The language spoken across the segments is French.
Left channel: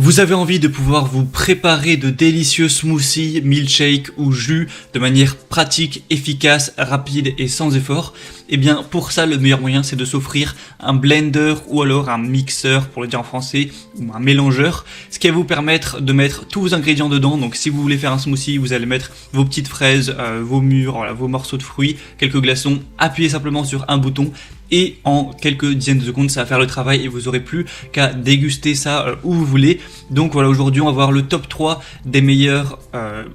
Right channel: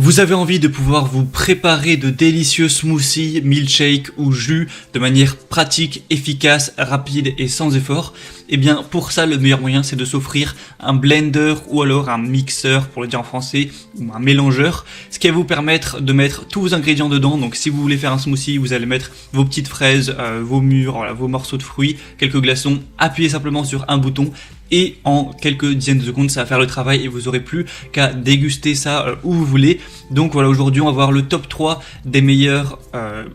Vous avez envie de pouvoir vous préparer de délicieux smoothies, milkshakes ou jus de manière pratique, efficace, rapide et sans effort? Eh bien, pour ça, le meilleur moyen, c'est de s'offrir un blender ou alors un mixeur, pour le dire en français, ou un mélangeur, ce qui va vous permettre de mettre tous vos ingrédients dedans. Donc, si vous voulez faire un smoothie, vous allez mettre vos petites fraises, vos mûres, voilà, vos morceaux de fruits, quelques glaçons, appuyez simplement sur un bouton et en quelques dizaines de secondes ça va faire le travail et vous aurez plus qu'à déguster ça où vous voulez. Donc voilà, aujourd'hui on va voir le top 3 des meilleurs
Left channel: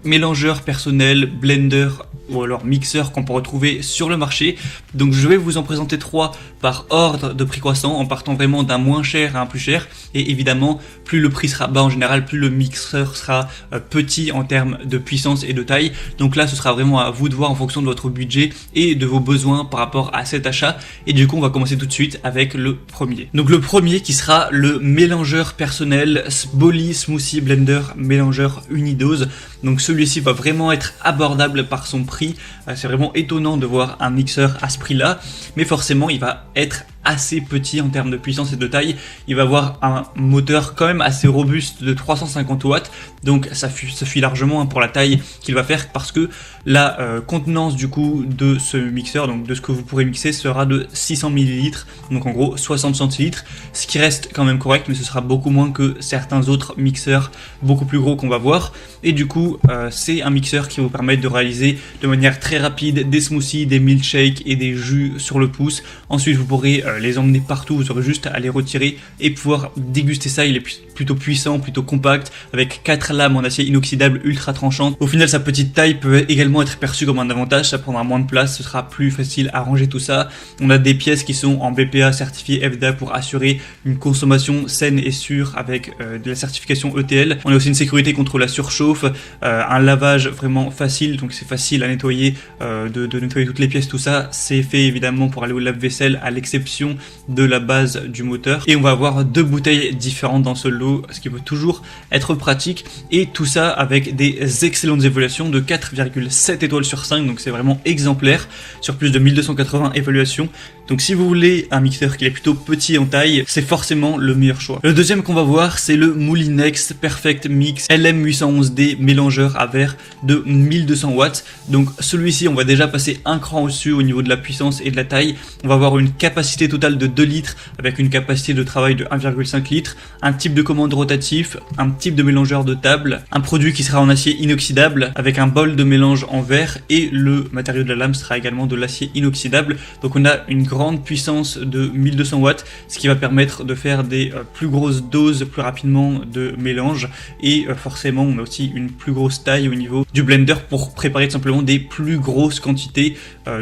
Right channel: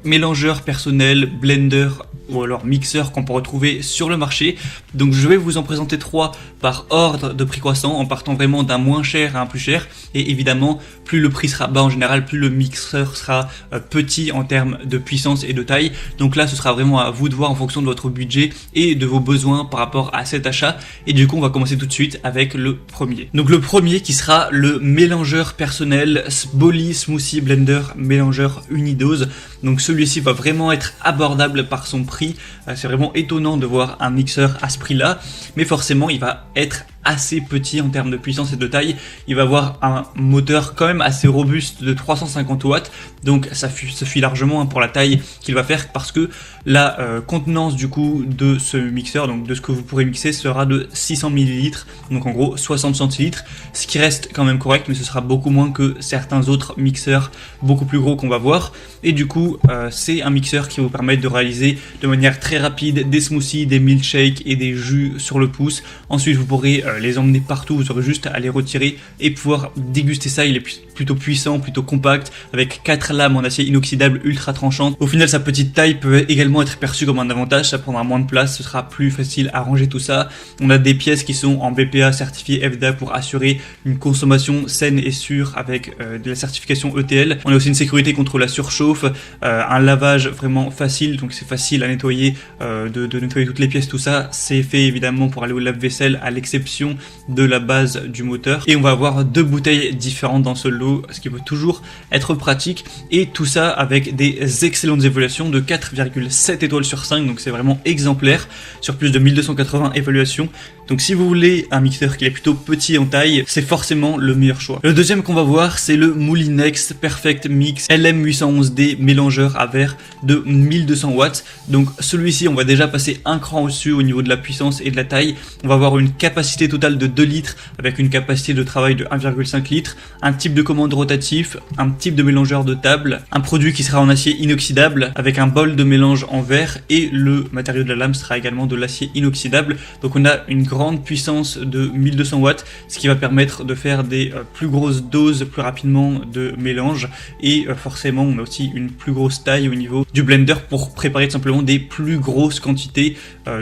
mélangeurs personnels, blenders ou alors mixeurs qu'on peut retrouver sur le marché. Donc je vais vous en présenter 3 par ordre de prix croissant en partant vraiment d'un moins cher à un plus cher, et évidemment plus le prix sera bas en général, plus le mixeur sera petit en termes de puissance et de taille. Donc là ce sera vraiment à vous de voir en fonction de votre budget et de vos besoins par rapport à cet achat. Et du coup on va commencer tout de suite avec le premier. Donc le premier qui sera le mélangeur personnel Bolly Smoothie Blender Mélangeur Unidose. Donc celui-ci va vraiment être abordable par son prix. C'est vraiment étonnant de voir un mixeur à ce prix-là, mais forcément il va être assez petit en termes de puissance et de taille. Il va avoir un moteur quand même assez robuste de 350 watts, donc ça suffit largement pour la taille qu'il va faire, parce que la contenance du coup de ce mixeur, donc de ce que vous pourrez mixer, sera de 600 ml, donc en gros 60 centilitres, ce qui reste quand même correct, mais ce sera beaucoup moins que certains autres mixeurs beaucoup plus gros qu'on va voir. Et du coup c'est un mixeur qui va vous permettre de réaliser de manière très rapide des smoothies, des milkshakes et des jus sur le pouce. Ensuite vous pourrez les emmener partout, vous aurez juste à les retirer et pouvoir déguster ça. Il est plutôt puissant, plutôt compact, avec 4 lames en acier inoxydable ultra tranchantes. Au final sa petite taille peut également être perçue comme un avantage, ça prendra moins de place, ce sera plus facile à ranger tout ça. On a des pièces qui sont en BPA certifié FDA pour assurer une consommation saine et sûre avec de la certification ETL. On a aussi une sécurité contre la surchauffe, un lavage vraiment facile, donc c'est facile à nettoyer, de nettoyer toutes les pièces, tout ça. C'est fait évidemment pour aller au lave-vaisselle à l'exception de la base du moteur. Et on va avoir 2 bouteilles différentes dans ce lot, ce qui peut toujours être pratique, et tout ça avec des excellentes évaluations de 4,7 étoiles sur 5, donc c'est vraiment exemplaire sur plus de 1280 évaluations. Donc si vous voulez un mixeur qui est plutôt petit en taille, c'est forcément le meilleur choix. Le deuxième qu'on va voir, c'est le Moulinex Perfect Mix LM811D mélangeur à verre de 1200 watts. Donc celui-ci, on va déjà passer un cran au-dessus au niveau de la puissance et de la taille. On va avoir une capacité totale de 2 litres avec une capacité de travail de 1,5 litre, un type de commande rotatif, un type de mélangeur de table, un produit qui sera en acier inoxydable avec un bol de mélange en verre, et le matériau de la lame sera également de l'acier inoxydable. Donc on a une grande puissance de 1200 watts, ce qui va permettre de faire des plus grosses doses plus rapidement de mélange, et forcément on a aussi une plus grosse taille au niveau du blender pour préparer tout simplement des plus grosses quantités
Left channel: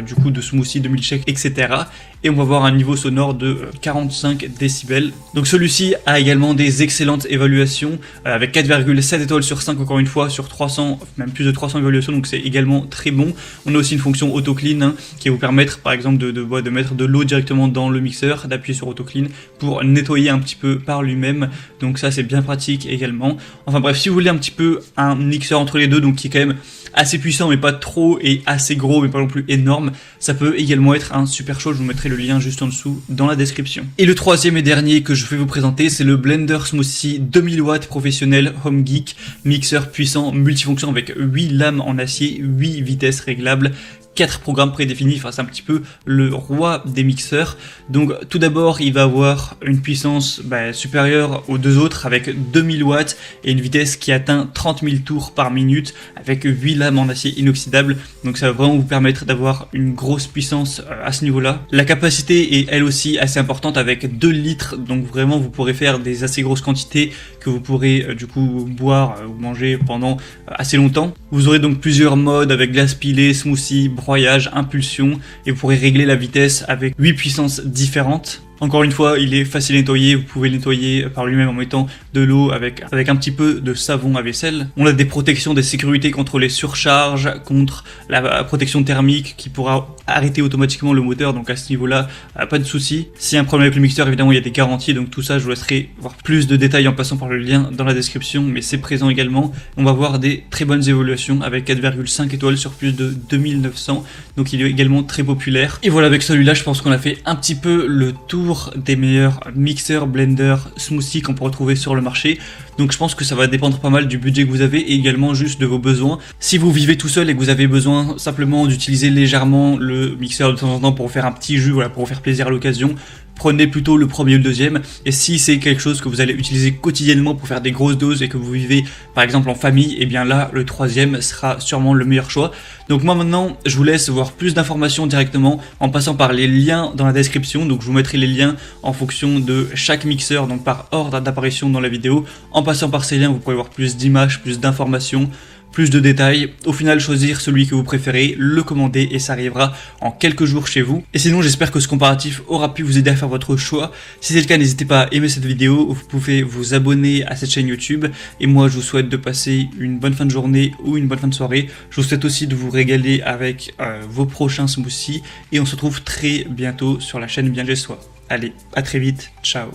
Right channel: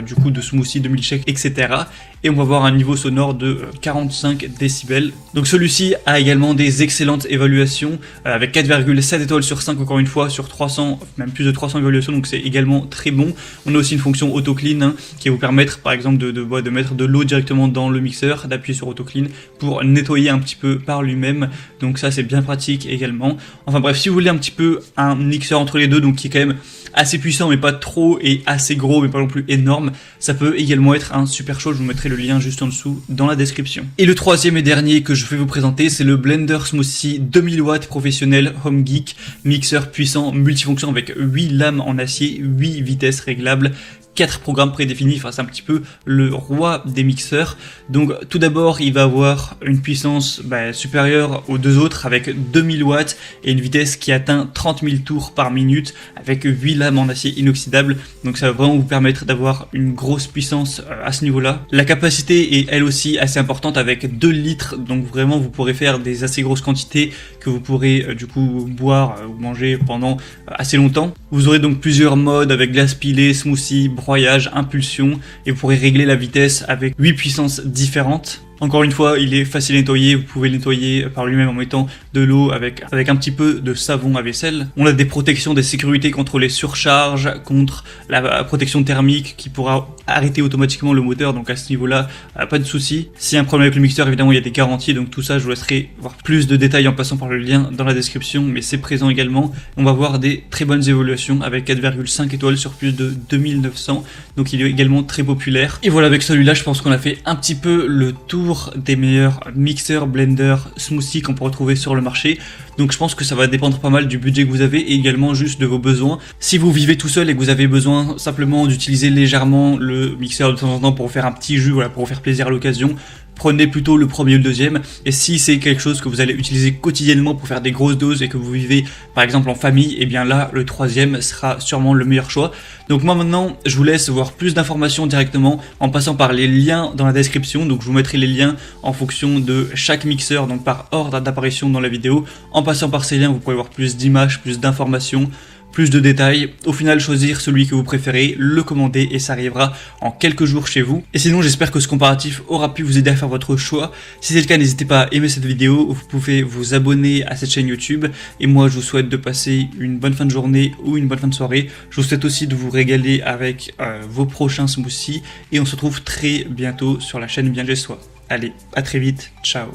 du coup de smoothies, de milkshakes, etc. Et on va avoir un niveau sonore de 45 décibels. Donc celui-ci a également des excellentes évaluations avec 4,7 étoiles sur 5 encore une fois sur 300, même plus de 300 évaluations, donc c'est également très bon. On a aussi une fonction auto clean qui va vous permettre par exemple de mettre de l'eau directement dans le mixeur, d'appuyer sur auto clean pour nettoyer un petit peu par lui-même, donc ça c'est bien pratique également. Enfin bref, si vous voulez un petit peu un mixeur entre les deux, donc qui est quand même assez puissant mais pas trop, et assez gros mais pas non plus énorme, ça peut également être un super chaud. Je vous mettrai le lien juste en dessous dans la description. Et le troisième et dernier que je vais vous présenter, c'est le Blender Smoothie 2000 watts professionnel Home Geek, mixeur puissant multifonction avec 8 lames en acier, 8 vitesses réglables, 4 programmes prédéfinis. Enfin c'est un petit peu le roi des mixeurs. Donc tout d'abord il va avoir une puissance supérieure aux deux autres avec 2000 watts et une vitesse qui atteint 30 000 tours par minute avec 8 lames en acier inoxydable. Donc ça va vraiment vous permettre d'avoir une grosse puissance à ce niveau-là. La capacité est elle aussi assez importante avec 2 litres, donc vraiment vous pourrez faire des assez grosses quantités que vous pourrez du coup boire ou manger pendant assez longtemps. Vous aurez donc plusieurs modes avec glace pilée, smoothie, broyage, impulsion, et vous pourrez régler la vitesse avec 8 puissances différentes. Encore une fois, il est facile à nettoyer, vous pouvez le nettoyer par lui-même en mettant de l'eau avec un petit peu de savon à vaisselle. On a des protections, des sécurités contre les surcharges, contre la protection thermique qui pourra arrêter automatiquement le moteur, donc à ce niveau-là, pas de souci. S'il y a un problème avec le mixeur, évidemment il y a des garanties, donc tout ça je vous laisserai voir plus de détails en passant par le lien dans la description, mais c'est présent également. On va voir des très bonnes évolutions avec 4,5 étoiles sur plus de 2900, donc il est également très populaire. Et voilà, avec celui-là je pense qu'on a fait un petit peu le tour des meilleurs mixeurs, blenders, smoothies qu'on peut retrouver sur le marché. Donc je pense que ça va dépendre pas mal du budget que vous avez et également juste de vos besoins. Si vous vivez tout seul et que vous avez besoin simplement d'utiliser légèrement le mixeur de temps en temps pour faire un petit jus, voilà, pour vous faire plaisir à l'occasion, prenez plutôt le premier ou le deuxième. Et si c'est quelque chose que vous allez utiliser quotidiennement pour faire des grosses doses et que vous vivez par exemple en famille, et bien là le troisième sera sûrement le meilleur choix. Donc moi maintenant je vous laisse voir plus d'informations directement en passant par les liens dans la description. Donc je vous mettrai les liens en fonction de chaque mixeur, donc par ordre d'apparition dans la vidéo. En passant par ces liens vous pouvez voir plus d'images, plus d'informations, plus de détails, au final choisir celui que vous préférez, le commander et ça arrivera en quelques jours chez vous. Et sinon j'espère que ce comparatif aura pu vous aider à faire votre choix. Si c'est le cas, n'hésitez pas à aimer cette vidéo, vous pouvez vous abonner à cette chaîne YouTube et moi je vous souhaite de passer une bonne fin de journée ou une bonne fin de soirée. Je vous souhaite aussi de vous régaler avec vos prochains smoothies et on se retrouve très bientôt sur la chaîne Bien Chez Soi. Allez, à très vite, ciao.